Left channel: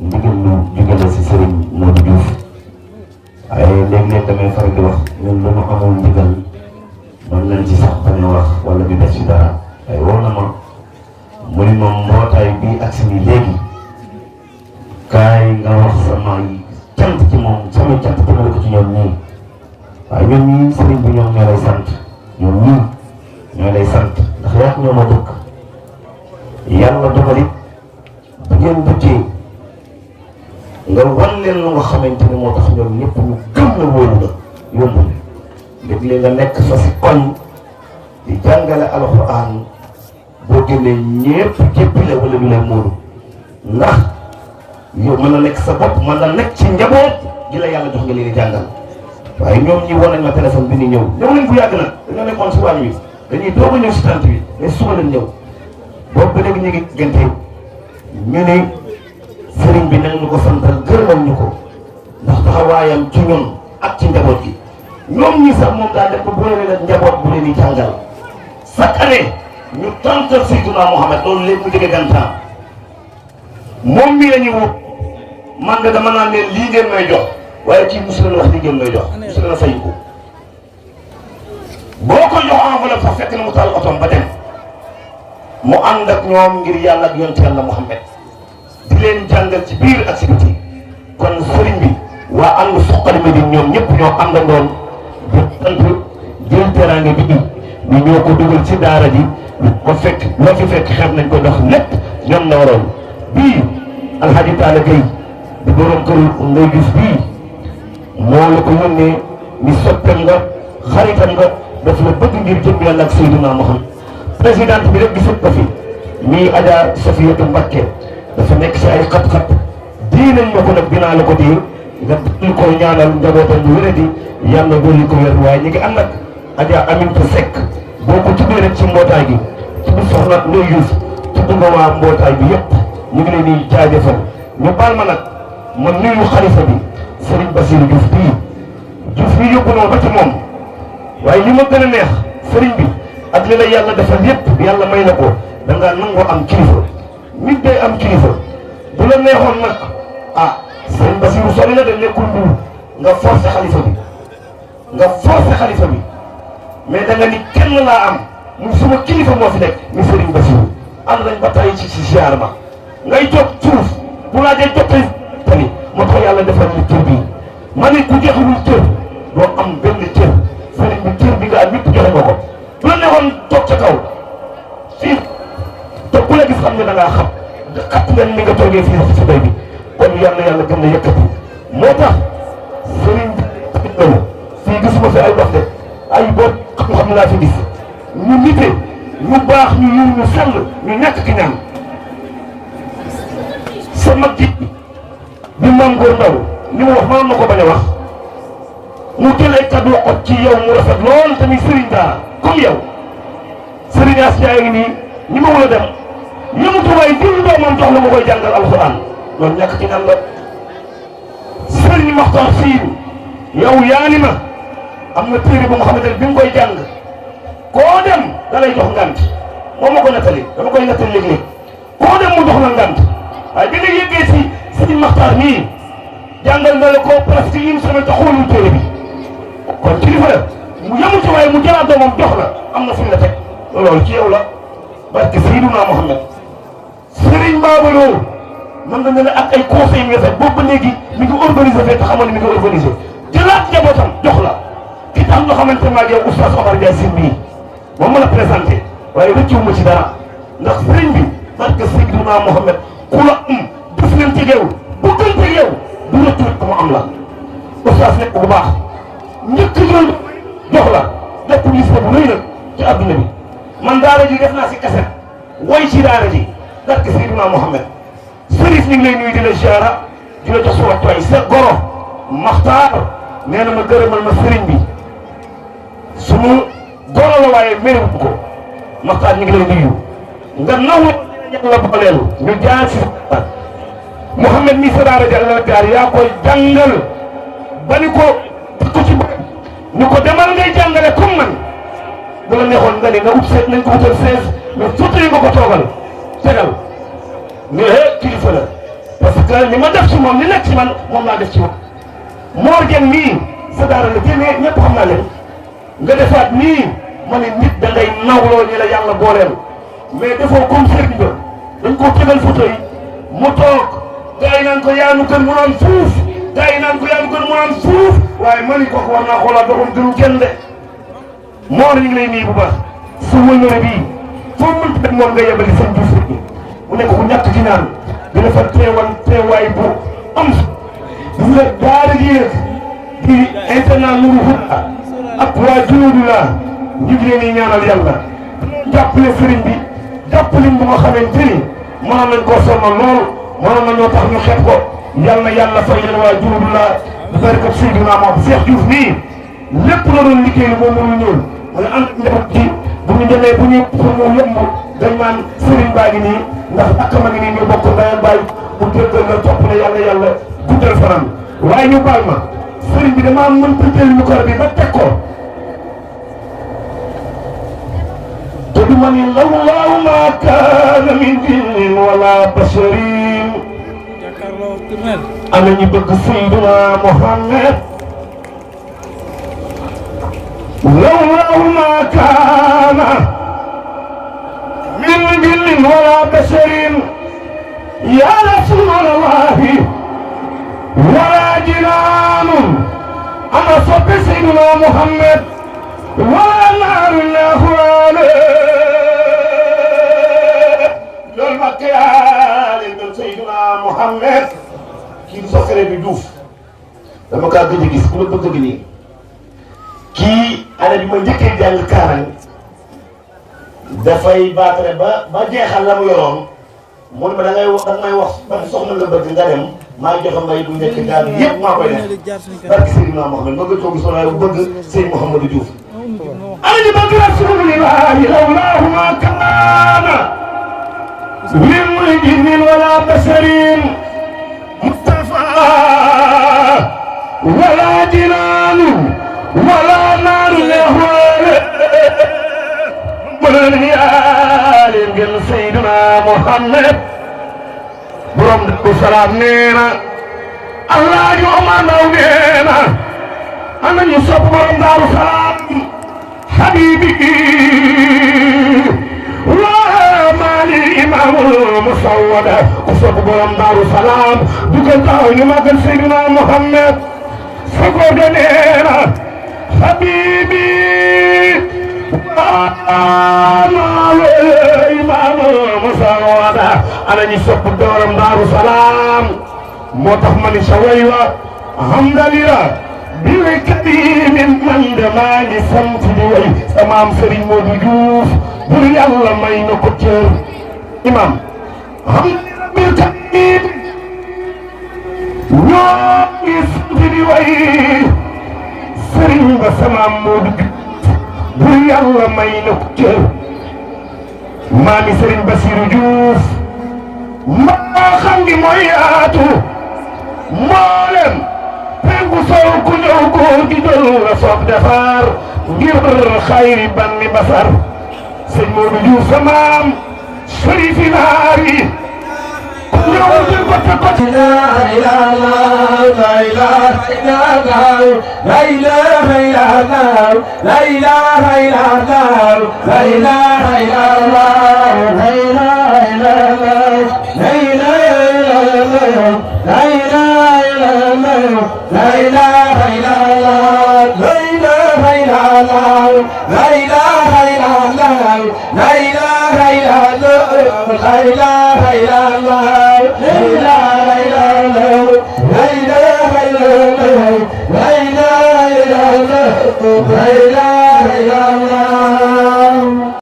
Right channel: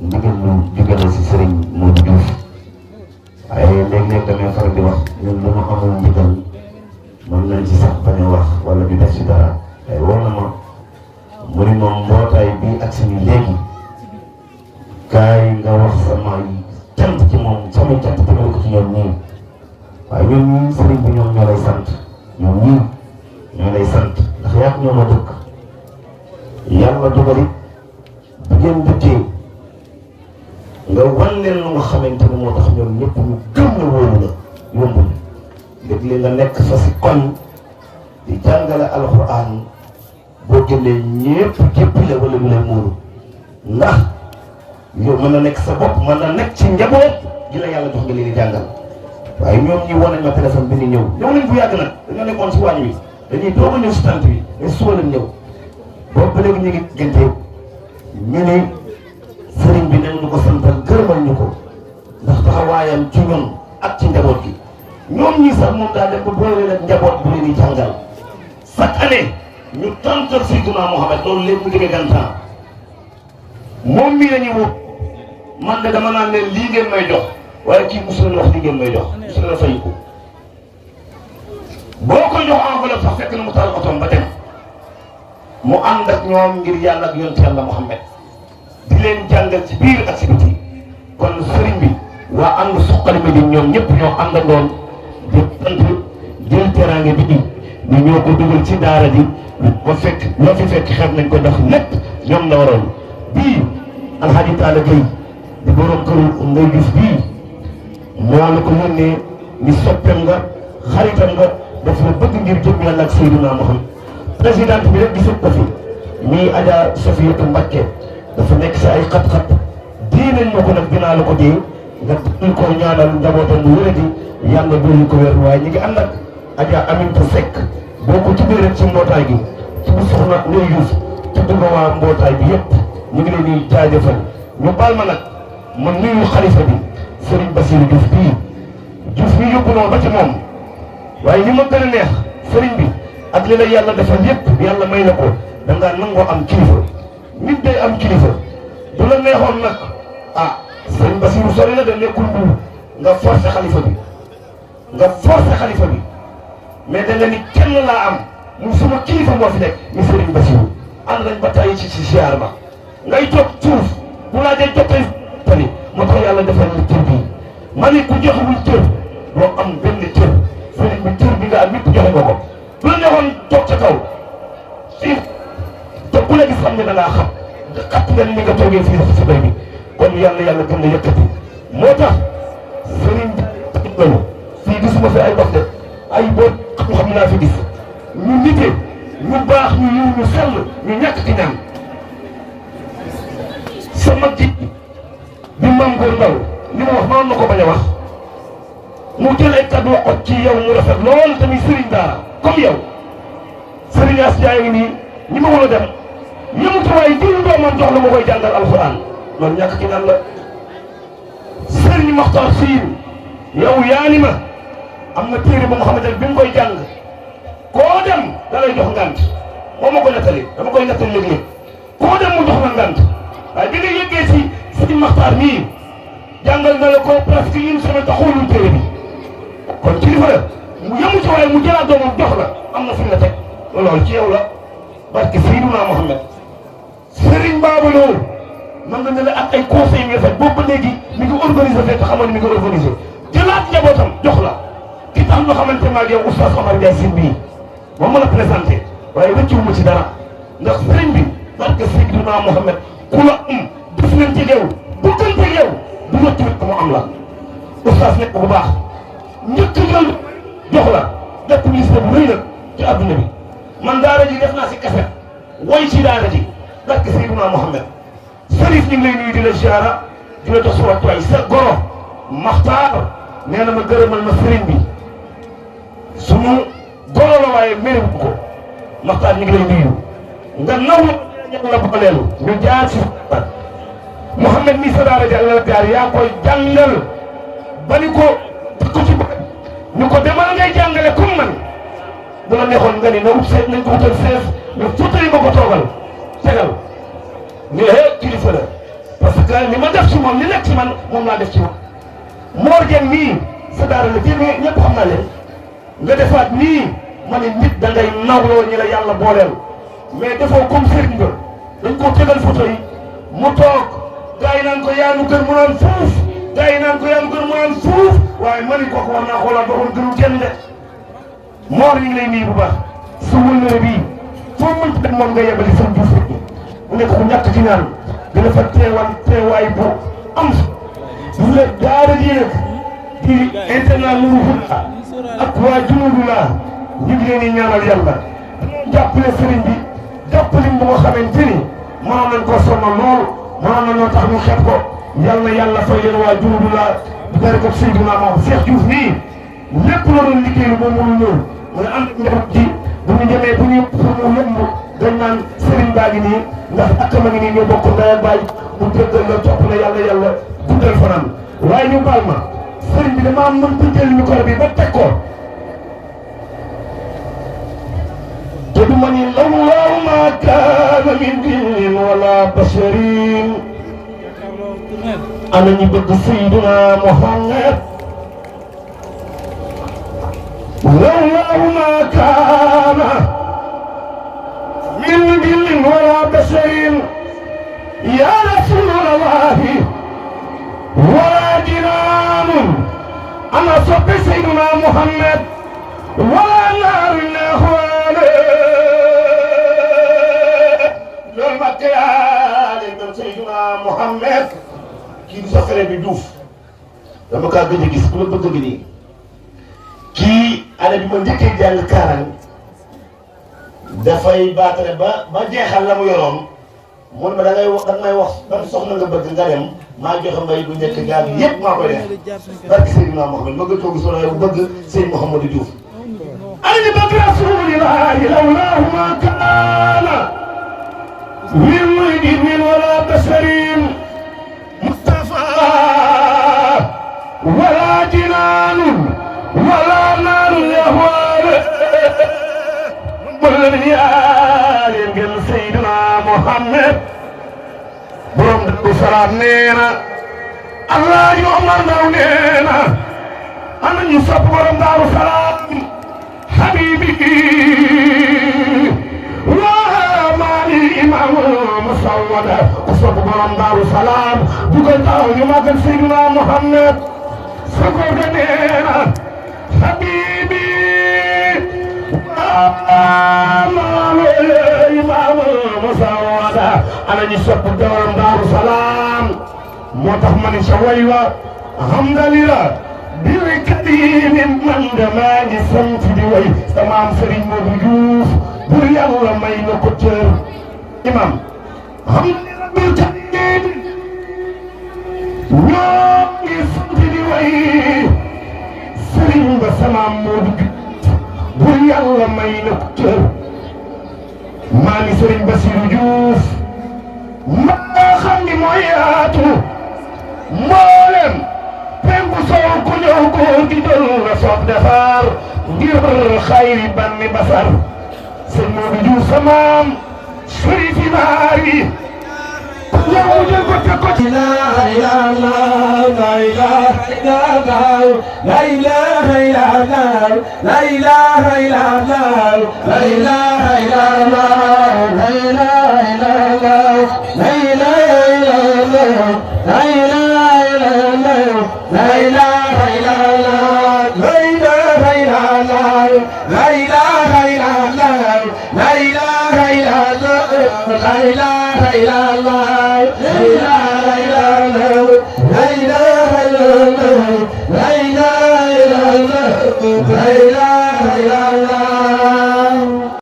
ndigal lu jóge la si Serigne Modou Diouf waaye léeg-léeg damay faral di wax ñun lu ma amul ndigal mën nañ ci sax bañ a wax wala di def si dara waaye woo na ma mu ni moom mbootaay bii ak si nii léegi kaay nga wax sama cant ci moom sama cant jëmale ko ci ñoom ñii waaye ñoom ñii Serigne bi ñoom ñoo lay sant ñoom ñii ñoo lay sant ndax yaa ñoo ma dëkk yàlla dogali bu ngeen duggee nga wan leen lu nga xamante ni moo tax ñoom ñëpp ñu gëm la wóolu la yombul léeg-léeg nga nekk fa si koñ di jàngale alxuraan boo génnee ñëpp jéppi la wala ñu lay móolu ndax yow mën na nekk sa bopp mën na nekk ci njaboot di la yàlla jox nga leen di jàngal waaye ñoom ñi wan nañ ma téléphone bi ni ñëw nañ bu yàgg nag dañoo nekkoon si waañ wi dañuy doog a ñëw si tant bi mais suba lañ ñëw boobu ba léegi ñu ngi gënte ñu ne sëriñ bi nañ ñu ko santal gërëmal ñu ko ndax taxawaayam ci ñun ak ci njaboot gi ñoom ñii sax moom daal def ko boole leen ak njaboot bu leen di jàngal chaque année ñu tantal Seydina Mohamed loolu léegi mu jógee gantaan moom mii la ñuy wut man de dama naan leen lii ngeen may jox waaye kii mosu leen wax lii ngeen may jox mosu leen fay ko boo koy jox enveloppe sax fekk na mu taal otoom ba dem mu ànd ak ñoom ngir yàlla ak yonent yàlla Muhammad di leen jàngal ci biir ak ci biti kon sëriñ bi waa ànd Suqali Médine ñoom ñëpp ñoo àndandoon di sant jël teraange bi ñu ñoo ko dugal ci daara ji ko fekk loo fi fekk xeeb nañ ko jox lépp ñoom la waroon bii Alhaji Talla Gueye di borom kër ngay gis bii moo la ko yónnee ni soppeem nga xaritam nga daf la bëgg ngir jëm la nag Seydina Muhammad présidente bi rek gisut ko fi mii Adja Safiyatu Mbakke dafa nekk si ay xat-xat dii nañ ma ko nag dinaa la ko dee nga dul ko ñaanal njabootam bu wéradi yàlla dolli ko wér waaye ñu ngi ànd ak Adja Aminta Seck boo ko tuddee rek ci mbootaay gi tudd soxna Ndeye Diouf tudd nga waa mbootaay bi yëpp ñu ngi leen di jaajëfal ñu baal ma nag ma nuyu xalifa bi Serigne Bassirou Diouf bii yóbbu na ba ci moom waaye li ma gën a neex Serigne bi ak li la yàlla defal yëpp yàlla may na ko da ngaa nangoo am kilifa nit day am kilifa bu la neexoon nag ah Serigne Bassirou sori na dem nekkul Mbuur nga forcé xalifa bi mais da nga ni kenn laa am mu suma kilifa moo fi nekk ni Serigne Bassirou ànd nañ ba tey ci ziar ma ngay toog suuf bu laa dee jottali tamit moo tax yàlla defal ñu cër bii ma ne ku joxewul cër doo am benn cër Serigne bi cër bi nga am yëpp joxe nga ko bu la neexoon toog ca kaw fii te ku la gis xam ne da ngaa xat nga ni nga toogee fii si bay bi kon yàlla gën a yëkkati moo tax Serigne bi loolu fii gisuma fi ay wax de ay boobu xam laa fi gis ñu nite ñu baax ñu yiw ñu sell ñu ñàkk ki ñaan sa mag ji bi Mame Goor Ndaw li ma wax noonu na ko bañ a wax mu jël ay kàddu wax ci yow mu rafet lool tamit Serigne daara comme yow Serigne As yaa ngi nii ñi ma wala dem yëngatu waaye diw doomam jox la ma koy jàngal alxuraan loolu ñàkk ki ñaan la Serigne Makhtar Siin yow yaa ni ma am na téere bu nga xamante ne bi nga koy jàng koo dem da lay jox ngant moom ma ko nettali dama koy nettali léeg-léeg koo dem mu jox la ngant waaye bi nga yëggee si Serigne Makhtar nii jàngal nga la ko presque une semaine te xoolul téere bi kon kilifa la mu yemu ci waaye mu jëlaat doomam jox la am na fi la teg loolu ci yow la barke Seydina Muhammad Serigne Babou Lo man nga ne la ak ay conseils yi nga fekk boobu ba léegi mi ngi organisé fekk xamal ni mi ngi organisé jëlaat njabootam jox la ki tax nga xamante ne maa ngi oustaz Omar Ndiaye Sy bii moom ma la présenté waaye rëccuwuma ci dara ndax Serigne bi barke Seydina Muhammad ku la def leen ci yow bëggante yow du la tuut ko mu am la oustaz nekk bu baax njëkk loolu jox la lépp gis bu rëy nag ci adduna bi man daara ji def naa si kaset woy ci daara ji barke Seydina Muhammad Serif ñu ngi lay nuyu di la ziara di la jox sa waxtuwaay sa goro Maxtaar nee na ma gërëmal ma sëriñ bi sunu goro la waaye mériwut ko Maxtaar ñu ngi lay nuyu nga naw la booleelu ñu jaar si Mouhamed mi sa daara jàll jaar yaa ko jàngal ba ni ko ci bëgg ni ko demal ngay jàngale comme man bu la neexoon nga ni nga ut seet nañ ko wutal 16 mais photo yi nga ko toogal tegal mais kilifa la parce que ni ma def ci moom li nekk ci man moom laa def ci moom. Mor Dieng nii sa daara la génnee ñëpp xam naa leen nga defaat nii ma ne nit da ngay nawloo ñi la yàlla booleel mais defoo comme sëriñ ba dañ koo tegal photo yi mu toog gars yi naan ko yaa nu gën mu naan fuuf gars yi naan ko yaa nu gën mu naan fuuf waaye ma ni ko war naa xoolaat doxul gënu kenn de Mor ñu ngi lay nii bu baax su wëñëre bii foo mënti dem moom nga yebali seen Diouf rek mu nekk ku ñàkk ci naan dina fa teewaay bu am gis nga daara ji rek di internat Nourou Fouta ak waa Diourou la ñu ngi leen di ñaanal yàlla jàppale sëriñ bi jàppale bu nga xamante ni mënoon nañ koo sonal lool mënoon nañoo tax ñu xeeb ko yàlla fay leen waa Diourou la barkat Seydina Maam Cheikh Diouf nii lépp la doon liggéey moom mënu ñëw mu ànd ak njaboot ji bu ñu demee bu ñu pour mu yomb dañ naan sëriñ baa ngi nii ndax ak ma ngi nii ñu bokk ndey ak baay mu déggal la topp ne yàlla guddal fanaan waaye ñu baal ma sëriñ bi damaa mënta jël micro bi ba teg ko te du ma ni lawlaahu maa kaana min jinnin wala basharin ana ñu bëgg Seydina Muhammad lawlaahu maa kaana min jinnin wala basharin ya rasulallahi wala jinaanun ana soppi Seydina Muhammad wala naaru laxwaale loolu ma kayaale ñoom Seydina Muhammad kii du sa frère bi Diouf dama kaa gëj a gis ku ma bëgg nii kii année bi ma njëkkee jàng Kaarang dafay baatare ba jeexal la mu yoroon mu ne ma da ngay may wax ban soxna nga bëgg nga dem maa joxe mbay bu nekk gaal bi yëpp maa koy def barke Seydina Muhammad ma gën koo gis wala bëgg Seydou Mouhamadou Diouf ana ñu bëgg rasulillahi lawlaahu ma kaana min jinnin wala basharin Mustafa wala jinaanin wala naaru lehwaale bëgg yaale ngeen Seydina Muhammad borom Daaru Salaam nee na Alaaji Omar Ndaw nee na ana ñu sopp borom Daaru Salaam habibi waa maali imaamul musawwada ku sopp borom Daaru Salaam dugal taw ñu magal Seydina Muhammad sako de nee na habibi waa maali imaamul musawwada ana ñu sopp borom Daaru Salaam moo tax ma ni sa way wa alhamdulillah bil karimin man de maa ngi sant di way sama am Serigne Modou Diouf bur yàlla may na ko cër imam alhamdulillah bil karim ñoo ngi sant di way Serigne ba sama am Modou Diouf bur yàlla may na ko cër maami Serigne Bassirou Diouf maa xam ni mooy yaatu mboolem penku sow ku ñëw ko di jël la soog defar ngir xayri banni basar sëñ Modou Diouf sa maam sërifi naar yi ñëw jël ko te ko la ilaha illallah la ilaha illallah la ilaha illallah la ilaha illallah la ilaha illallah la ilaha illallah la ilaha illallah la ilaha illallah la ilaha illallah la ilaha illallah la ilaha illallah la ilaha illallah la ilaha illallah la ilaha illallah la ilaha illallah